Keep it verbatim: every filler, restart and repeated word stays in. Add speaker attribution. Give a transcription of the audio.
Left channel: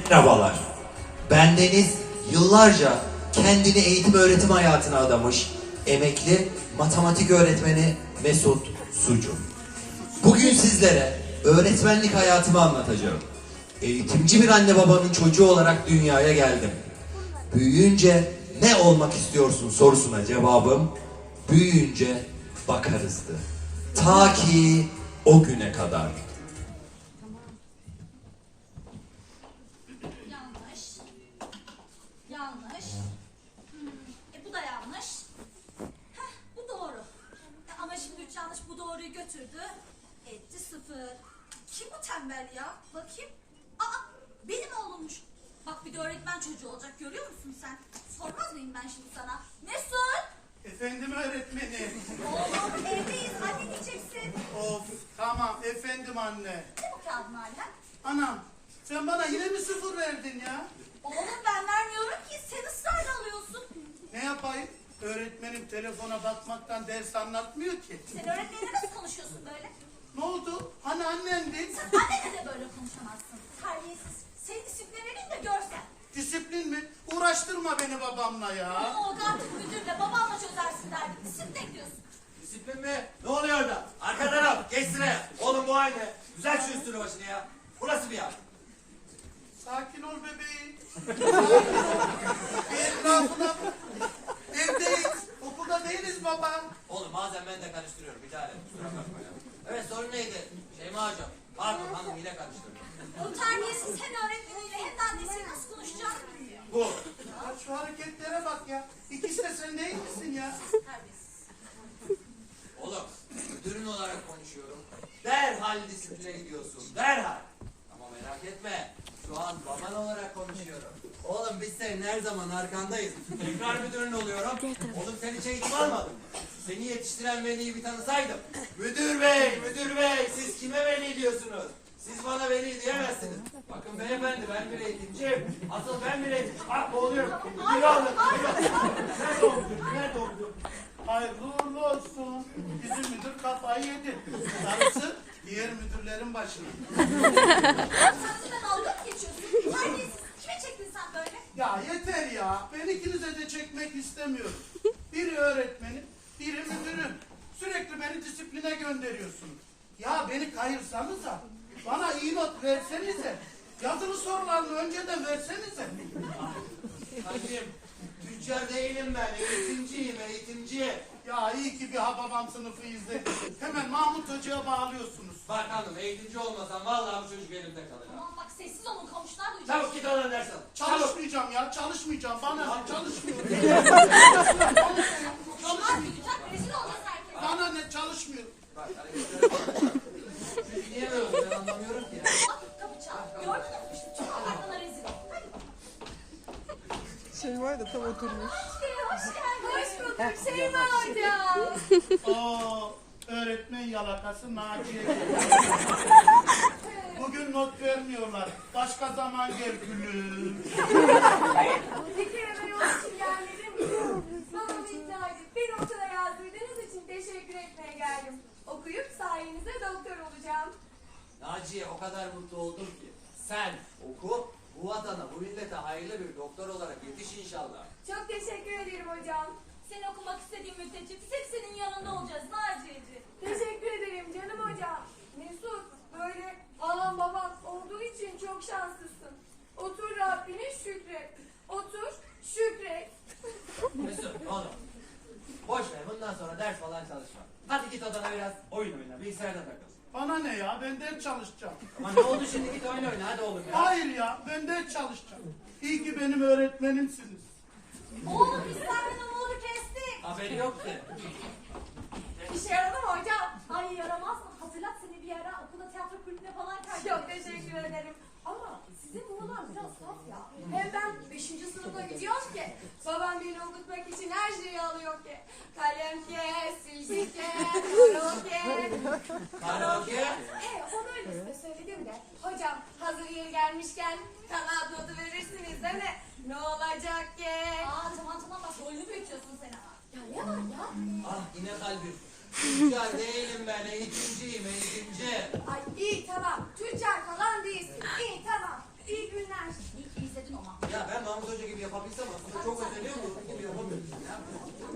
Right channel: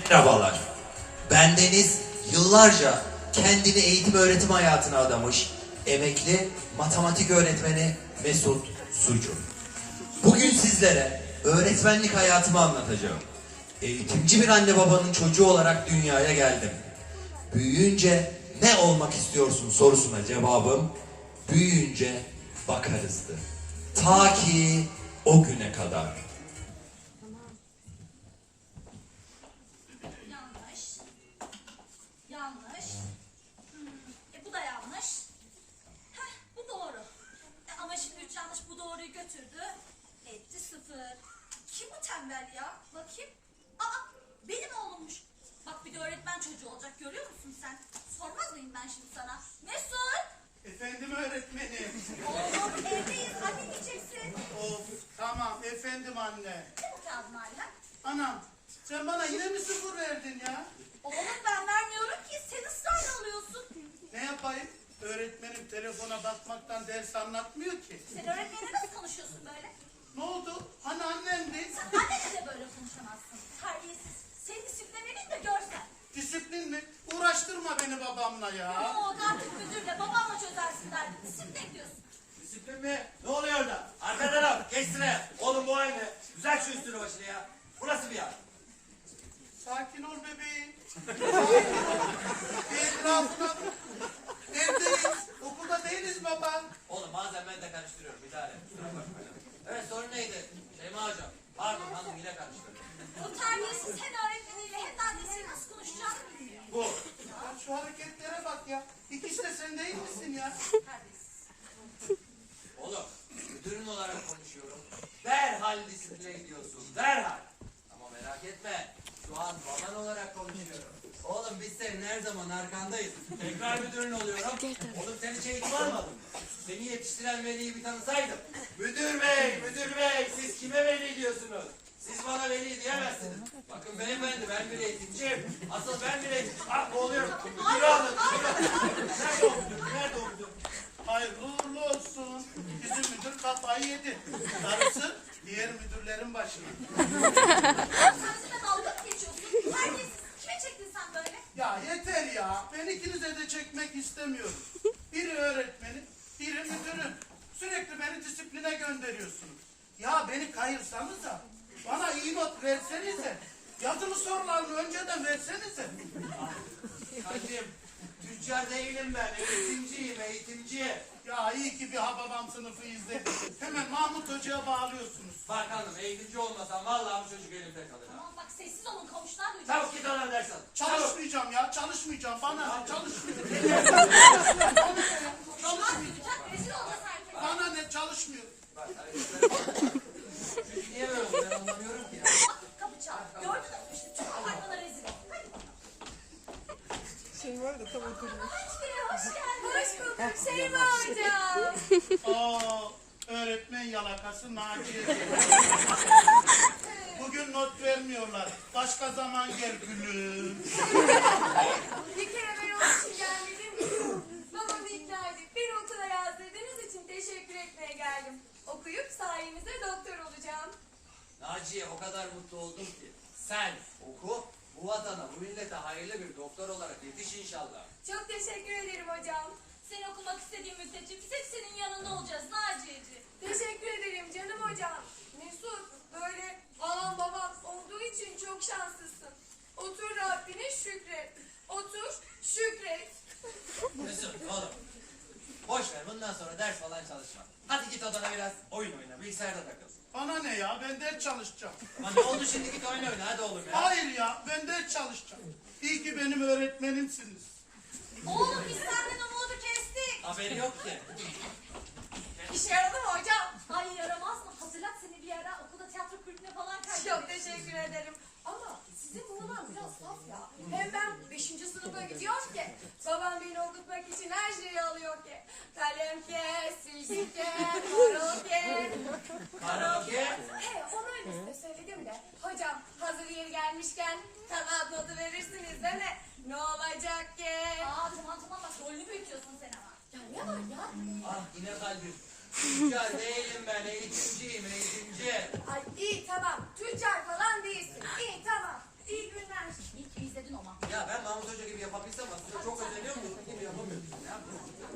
Speaker 1: Merhabalar. Bendeniz yıllarca kendini eğitim öğretim hayatına adamış emekli matematik öğretmeni Mesut Sucu. Bugün sizlere öğretmenlik hayatımı anlatacağım. Eğitimci bir anne babanın çocuğu olarak dünyaya geldim. Büyüyünce ne olmak istiyorsun sorusuna cevabım büyüyünce bakarızdı. Ta ki o güne kadar.
Speaker 2: Yanlış. Yanlış. Hmm, e bu da yanlış. Heh, bu doğru. E, ama şimdi üç yanlış bu doğruyu götürdü. Etti sıfır. Kim bu tembel ya? Bakayım. Aa, benim oğlummuş. Bak bir de öğretmen çocuğu olacak, görüyor musun sen? Sormaz mıyım ben şimdi sana? Mesut!
Speaker 3: Efendim öğretmenim.
Speaker 2: Oğlum evdeyiz, anne diyeceksin.
Speaker 3: Of tamam efendim anne.
Speaker 2: Ne bu kağıdın hala?
Speaker 3: Anam sen bana yine mi sıfır verdin ya?
Speaker 2: Oğlum ben vermiyorum ki, sen ısrarla alıyorsun.
Speaker 3: Ne yapayım? Öğretmenim telefona bakmaktan ders anlatmıyor ki.
Speaker 2: Sen öğretmenle nasıl konuşuyorsun böyle?
Speaker 3: Ne oldu? Hani annemdi?
Speaker 2: Sen annenle de böyle konuşamazsın. Terbiyesiz. Seni disipline vereyim de görsen.
Speaker 3: Disiplin mi? Uğraştırma beni babamla ya.
Speaker 2: Ne oldu artık müdürle babamla çözersin derdim. Disipline diyorsun.
Speaker 4: Disiplin mi? Ne oluyor orada? Arka taraf, geç sıraya. Oğlum bu aynı. Güzel şu üstünü başını ya. Burası bir yer.
Speaker 3: Sakin ol bebeğim. Sakin ol. Bir etrafına bak. Evdeyiz. Okulda değiliz baba.
Speaker 4: Oğlum bazen ben de karıştırıyorum. Bir tane. Kusura bakma ya. Evet sorun neydi? Şeyma hocam. Pardon hanım yine karıştırdım.
Speaker 2: O terbiyesiz hem öğretmeniyle hem de annesiyle nasıl konuşacağını bilmiyor.
Speaker 4: Bu.
Speaker 3: Ya şu hareketlere bak ya. İkisi de sen değil misin ya?
Speaker 2: Terbiyesiz.
Speaker 4: Oğlum müdürün olarak konuşuyorum. Derhal disipline gidiyorsun. Derhal. Ama merak etme. Şu an baban olarak konuşuyorum. Oğlum biz senin her zaman arkandayız. Tekrar müdürün oluyorum. Oğlum sen hiç eğitim almadın mı? Seni yetiştiren veliyi bir tanısaydım. Müdür bey, müdür bey siz kime veli diyorsunuz? Siz bana veli diyemezsiniz. Bakın beyefendi ben bir eğitimciyim. Asıl ben bir eğitim. Ah boğuluyorum. Müdürü alın. Nerede o müdür? Nerede o müdür?
Speaker 3: Hayırlı uğurlu olsun. Bizim müdür kafayı yedi. Darısı diğer müdürlerin başına.
Speaker 2: Sen bizimle dalga mı geçiyorsun? Terbiyesiz. Kime çektin sen böyle?
Speaker 3: Ya yeter ya. Ben ikinize de çekmek istemiyorum. Biri öğretmenim, biri müdürüm. Sürekli beni disipline gönderiyorsunuz. Ya beni kayırsanıza. Bana iyi not versenize. Yazılı sorularını önceden versenize.
Speaker 4: Kalbim, tüccar değilim ben. Eğitimciyim, eğitimci.
Speaker 3: Ya iyi ki bir Hababam sınıfı izledim. Hemen Mahmut Hoca'ya bağlıyorsunuz.
Speaker 4: Bak hanım, eğitimci olmasam vallahi bu çocuk elimde kalır. ha.
Speaker 2: Aman bak sessiz olun, komşular duyacak.
Speaker 4: Çabuk git oradan ders al. Çabuk.
Speaker 3: Çalışmayacağım ya, çalışmayacağım. Bana ne? Çalışmıyorum.
Speaker 2: Komşular duyacak, rezil olacağız herkese.
Speaker 3: Bana ne? Çalışmıyorum.
Speaker 4: Bak, hareketlere bak. Çocuk niye böyle oldu ben anlamıyorum ki ya.
Speaker 2: Bak kapı çal. Gördün mü? İşte tüm apartmana rezil ol. Hadi.
Speaker 5: Şey var da tam oturmuş.
Speaker 2: Hoş geldin. Hoş bulduk Şeyma hocam.
Speaker 3: Oo, öğretmen yalakası Naciye. Bugün not vermiyorlar. Başka zaman gel gülüm.
Speaker 6: Bir kere ben onun için gelmedim. Babamı ikna edip bir okula yazdırdığınız için teşekkür etmeye geldim. Okuyup sayenizde doktor olacağım.
Speaker 4: Naciye o kadar mutlu oldum ki. Sen oku, bu vatana, bu millete hayırlı bir doktor olarak yetiş inşallah.
Speaker 6: Çok teşekkür ederim hocam.
Speaker 2: Sen okumak istediğin müddetçe biz hep senin yanında olacağız Naciye'ciğim.
Speaker 6: Teşekkür ederim canım hocam. Mesut, böyle anam babam olduğu için çok şanslısın. Otur Rabbine şükret. Otur şükret.
Speaker 4: Mesut oğlum. Boş ver bundan sonra ders falan çalışma. Hadi git odana biraz oyun oyna, bilgisayarda takıl.
Speaker 3: Bana ne ya? Ben ders çalışacağım.
Speaker 4: Ama ne oldu şimdi git oyun oyna hadi oğlum ya.
Speaker 3: Hayır ya, ben ders çalışacağım. İyi ki benim öğretmenimsiniz.
Speaker 2: Oğlum biz senden umudu kestik.
Speaker 4: Haberi yok ki.
Speaker 6: İşe yaradı mı hocam?
Speaker 2: Ay yaramaz mı? Hazırlat seni bir ara okulda tiyatro kulübüne falan kaydedin.
Speaker 6: Çok teşekkür ederim. Ama sizin buralar biraz saf ya. Hem ben beşinci sınıfa gidiyorum ki. Babam beni okutmak için her şeyi alıyor ki. Kalem ke, silgi ke, karaoke.
Speaker 4: Karaoke.
Speaker 6: He onu öyle size söyledim de. Hocam hazır yeri gelmişken kanaat notu verirsiniz değil mi? Ne olacak ki?
Speaker 2: Aa tamam tamam bak rolünü büyütüyorsun sen ama.
Speaker 6: Ya ne var ya?
Speaker 4: Ah yine kalbim. Tüccar değilim ben eğitimciyim eğitimci.
Speaker 6: Ay iyi tamam. Tüccar falan değilsin. İyi tamam. İyi günler.
Speaker 2: İyi ki izledin o Mahmut.
Speaker 4: Ya ben Mahmut Hoca gibi yapabilsem aslında çok özeniyorum da yapamıyorum. Ya.